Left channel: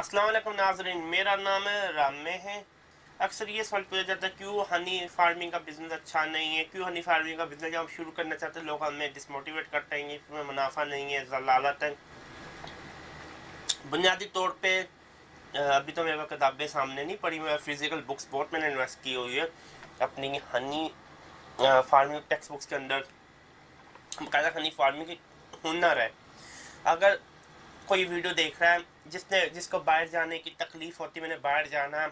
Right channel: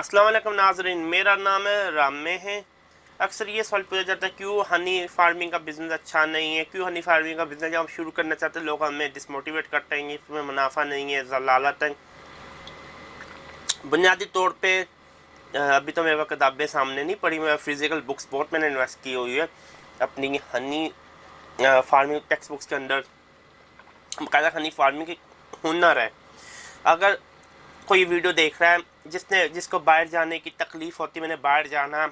अस्सलाम वालेकुम नाज़रीन, मेरा नाम है रामे है। अक्सर ये सवाल पूछा जाता है क्यों हनी फार्मिंग का बिज़नेस अच्छा नहीं है, क्यों हनी फार्मिंग का बिज़नेस जब हम शुरू करना चाहते हैं लोग हमें डिसमोटिवेट करते हैं, इसमें मुनाफा नहीं है, ज़लालत है। बुनियादी तौर पे अभी तो मेरे पास किताबें सामने नहीं पढ़ी, मैं फिजिकल बुक्स बहुत मैंने इन्वेस्ट की हुई है अपनी हनी फार्मिंग टेक्स्ट बुक्स के अंदर। बाकायदा हनी फार्मिंग की हुनर है। अगर कोई वीडियो देख रहा है जिसको बाहर जाने की तकलीफ़ होती है, मैंने बाहर जाना,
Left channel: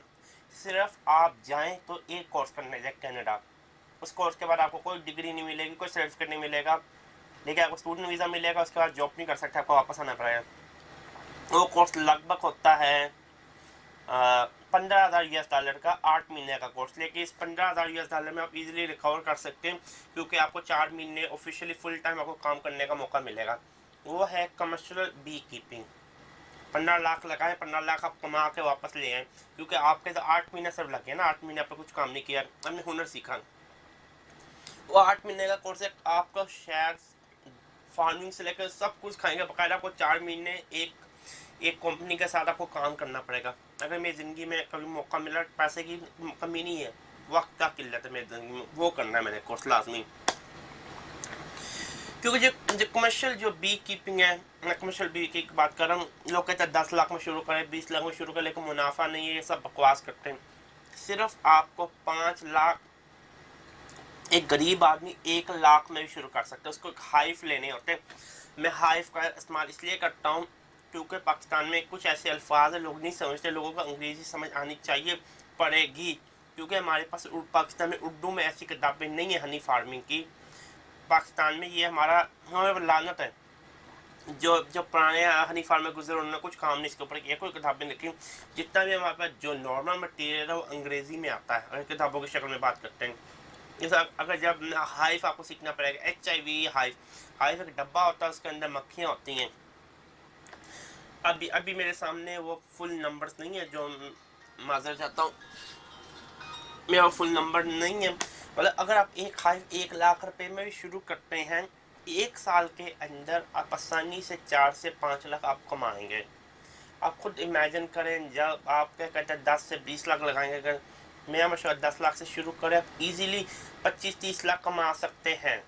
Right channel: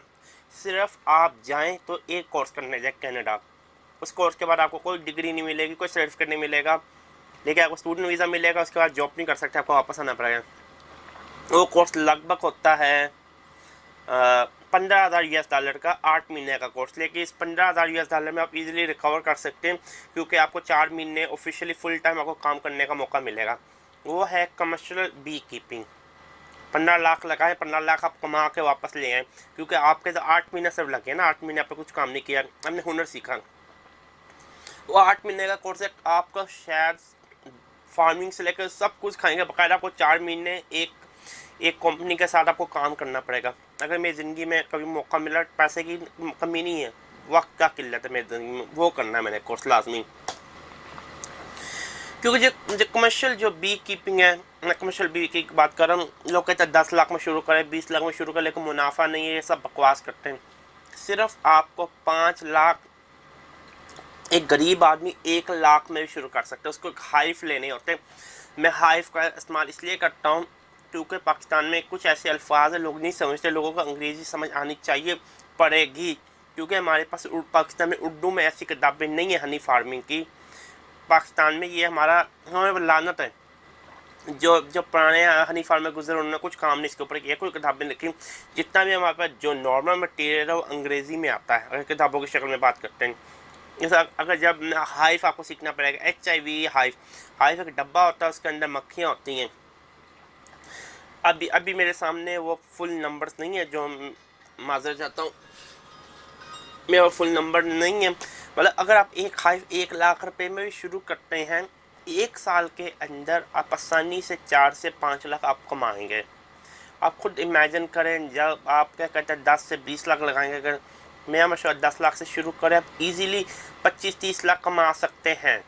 सिर्फ आप जाएं तो एक कोर्स करने जाए कनाडा। उस कोर्स के बाद आपको कोई डिग्री नहीं मिलेगी, कोई सर्टिफिकेट नहीं मिलेगा, लेकिन आपको स्टूडेंट वीज़ा मिलेगा। उसके बाद जॉब नहीं कर सकते, आपको वापस आना पड़ेगा। वो कोर्स लगभग होता है 15,000 US डॉलर का 8 महीने का कोर्स। लेकिन इस 15,000 US डॉलर में आप इजीली रिकवर कर सकते हैं, क्योंकि आपको 4 महीने ऑफिशियली फुल टाइम आपको काम करने का मौका मिलेगा। वो है कमर्शियल बी कीपिंग। 15 लाख लगाएं, 15 लाख आप कमा के वापस ले आएँ, क्योंकि आपके तो 8 महीने सिर्फ लगे ना, 8 महीने आपने कुछ काम नहीं किया, हमने हुनर सीखा। वो 8 महीने का कोर्स है, आपका शेयर फार्मिंग से लेकर सब कुछ खाएंगे। बाकायदा आपको 4 महीने एक कंपनी के साथ आपको काम करना पड़ेगा। अगर मेरी ज़िंदगी में कभी मौका मिला, पैसे की कमी नहीं है, वक्त का किल्लत है मेरी ज़िंदगी में, वो करना है मैंने कोर्स लाजमी। क्योंकि जो कमर्शियल जो बी कीपिंग है, मैं कमर्शियल बी की बात कर रहा हूँ। लोग कहते हैं 10 लाख में शुरू करें, 20 लाख में शुरू करें, लेकिन मुनाफा नहीं है, ये सब बकवास करते हैं। सिर्फ आपको 5 लाख, एक गरीब आदमी 1 लाख में भी शुरू कर सकता है। उसको हाइफ लेने होते हैं। मैं हाइफ का इस्तेमाल इसलिए करता हूँ क्योंकि पाकिस्तान में कुछ ऐसे अल्फाज है लोग नहीं समझते, लोगों को अंग्रेज़ी समझ आनी चाहिए, पड़ेगी, क्योंकि हमारे पास पाकिस्तान में उर्दू में ऐसी किताबें नहीं है हनी फार्मिंग की। पाकिस्तान में ये हमें लानत है। जो पुराने हनी फार्म में गुजरे उन्होंने कुछ काम नहीं इसके ऊपर किया, कोई किताबें लिखी। जितना भी हमारे पास जो नॉर्मल मटेरियल है वो अंग्रेज़ी में आता है, अगर किताबों की शक्ल में बात करते हैं। जैसा अगर जब हाइफ आपको सीखना पड़ेगा, HIV हाइफ। हाइफ एक डब्बा होता है, उसके अंदर मक्खियाँ होती हैं। अभी मेरे सामने वो फुल नंबर्स नहीं है, जो माजर चाहता हूँ, मेरा फुल नंबर नहीं है। मतलब अगर आप एक हाइफ 1 लाख रुपए में भी शुरू करते हैं, 1 साल के अंदर आप आसानी से 4 से 5 लाख आप कमाएंगे। आप खुद इमेजिन करें, जब आप क्या कहते हैं 10 से 20 लाख लगाएंगे, अगर मेरा मशवरा 10 लाख से शुरू करें, आप इजीली 25-30 लाख कमा सकते हैं।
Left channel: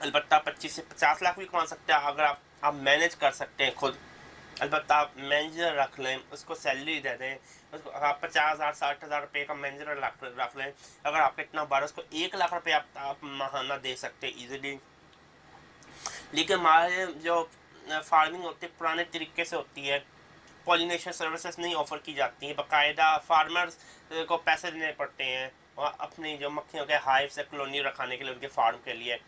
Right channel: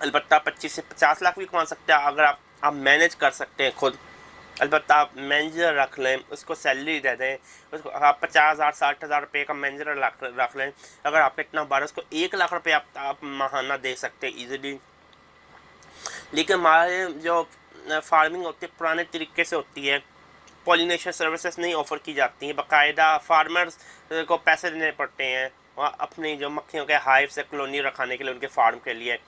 अलबत्ता 25 से 50 लाख भी कमा सकते हैं अगर आप मैनेज कर सकते हैं खुद। अलबत्ता आप मैनेजर रख लें, उसको सैलरी दे दें, उसको आप 50,000 60,000 रुपये का मैनेजर रख लें। अगर आपका इतना बार उसको 1 लाख रुपये आप माहाना दे सकते हैं ईजिली। लेकिन हमारे जो फार्मिंग होती है पुराने तरीके से होती है, पॉलिनेशन सर्विसेज नहीं ऑफ़र की जाती हैं, बाकायदा फार्मर्स को पैसे देने पड़ते हैं और अपनी जो मक्खियों के हाइव से कॉलोनी रखाने के लिए उनके फार्म के लिए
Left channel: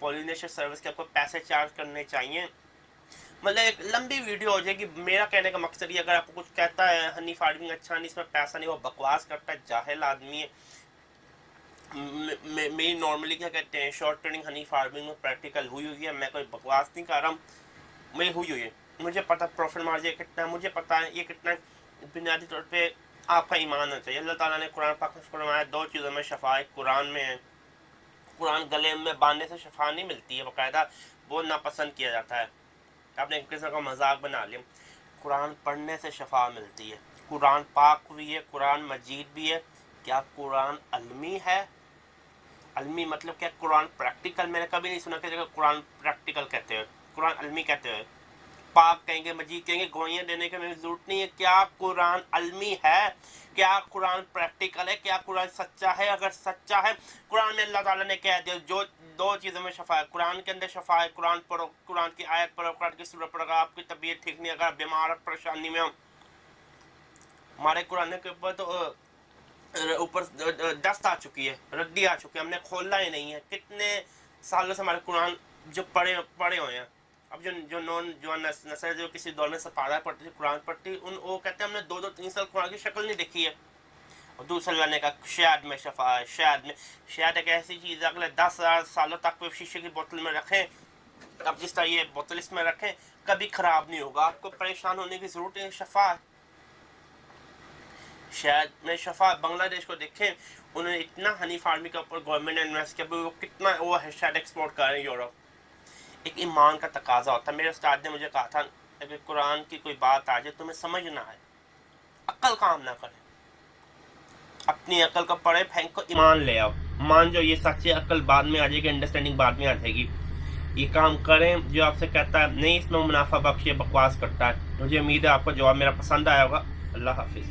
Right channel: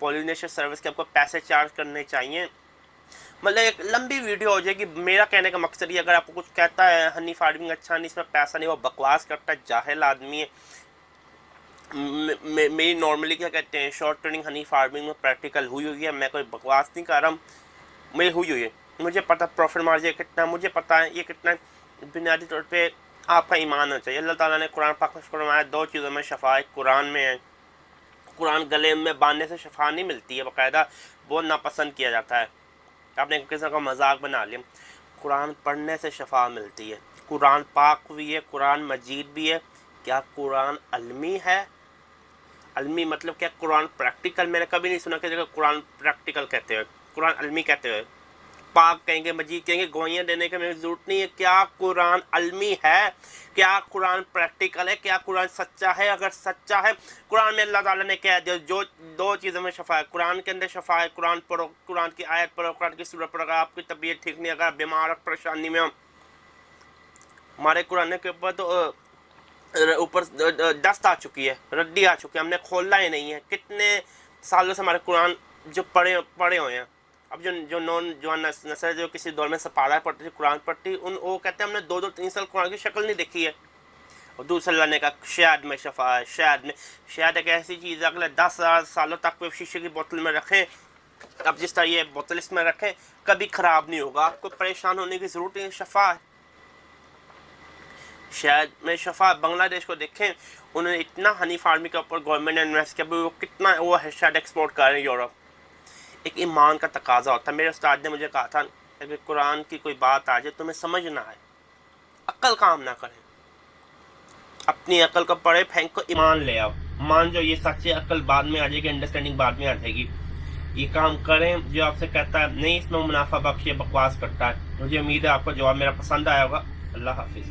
पॉलिनेशन सर्विस के आपको पैसे चार्ज करने चाहिए। मतलब एक लंबी वीडियो हो जाएगी। मेरा कहने का मकसद ये, अगर आपको कुछ कहता है हनी फार्मिंग अच्छा नहीं, इसमें पैसा नहीं, वो बकवास करता है, जाहिल आदमी है। मेरी नॉर्मली क्या कहते हैं, शॉर्ट ट्रेनिंग हनी फार्मिंग में प्रैक्टिकल हुई है, मैं कोई बकवास नहीं कर रहा हूँ, मेरी हुई है। मुझे पता प्रॉफिट मार्जिन कितना, मुझे पता है ये कितना। बुनियादी तौर पे आपका ईमान होना चाहिए। अल्लाह ताला ने कुरान पाक में फरमाया 2 चीज़ों में शफा है, कुरान में है। कुरान गले में बांधने से शफा नहीं मिलती है, बाकायदा बहुत नापसंद किया जाता है। आपने किसी का मजाक बना लिया। कुरान पढ़ने से शफा मिलती है। कुरान पाक भी है, कुरान मजीद भी है। क्या कुरान अलमी है? अलमी मतलब क्या? कुरान प्रैक्टिकल। मैंने कभी नहीं सुना कि कुरान प्रैक्टिकल कहते हैं, कुरान अलमी कहते हैं। पाक कहेंगे, मजीद कहेंगे, गवाहियाँ देने की मेरी ज़रूरत नहीं है। क्या कुरान अलमी है? क्या कुरान प्रैक्टिकल है? क्या कुरान सच्चा है? अगर सच्चा है, कुरान में अल्लाह ताला ने कह दिया जो 2 चीज़ों में शफा है, कुरान के अंदर शफा है। कुरान पढ़ो, कुरान की आयत पढ़ो, कुरान की सूरत पढ़ो। अगर आपकी तबीयत ठीक नहीं, अगर बीमार परेशानी में हो, हमारे कुरान के ऊपर तो ऊपर दस्त आ चुकी है, रद्दी आ चुकी है, हमने खोला ही नहीं है। कितने सालों से हमारे कुरान जो पढ़े हुए हैं। अब जो नौजवान नस्ल जो किसी दौर में सपारा पढ़ती थी, कुरान पढ़ती, वो कहते हैं हमने 2-3 साल कुरान की शक्ल नहीं देखी है। और दूसरा लाने का शहद में शफा है। शहद एक ऐसी चीज़ है, अगले 10,000 सालों तक शीशे की बोतल में रखें, अब जिस तरह ये बोतल इसमें रखें, कभी ख़राब नहीं होगा, आपको परेशान होने की ज़रूरत नहीं। शफा है शहद में शफा। बांग्लादेश को देखें, उन्होंने इतना हनी फार्मिंग के ऊपर गवर्नमेंट ने इन्वेस्ट किया, वो कितना वो शहद एक्सपोर्ट कर रहे हैं यूरोप। एक ईमान का तकाजा होता है। मेरे उस्ताद ने मुझे कहा था, अगर कुरान की कोई बात आ जाए तुम्हें समझ ना आए, अक्ल काम ना करे, अपनी अकल को पढ़े फेंक को ईमान ले आओ, मान जो ये सच है, अकल बाद में आ जाएगी, अंडरस्टैंडिंग बाद में आ जाएगी। ये काम करें जो आपसे कहता है नहीं इसमें मुनाफा बख्श ये बकवास करता है। मुझे उम्मीद है आपको जवाब मेरा पसंद आया होगा। अल्लाह हाफिज।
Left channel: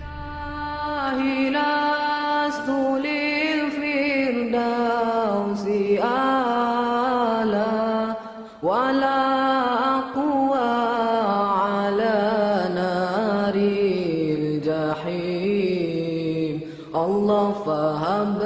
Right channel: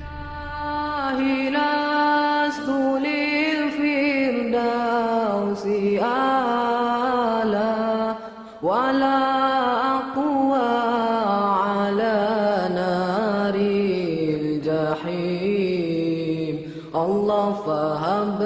Allah fahab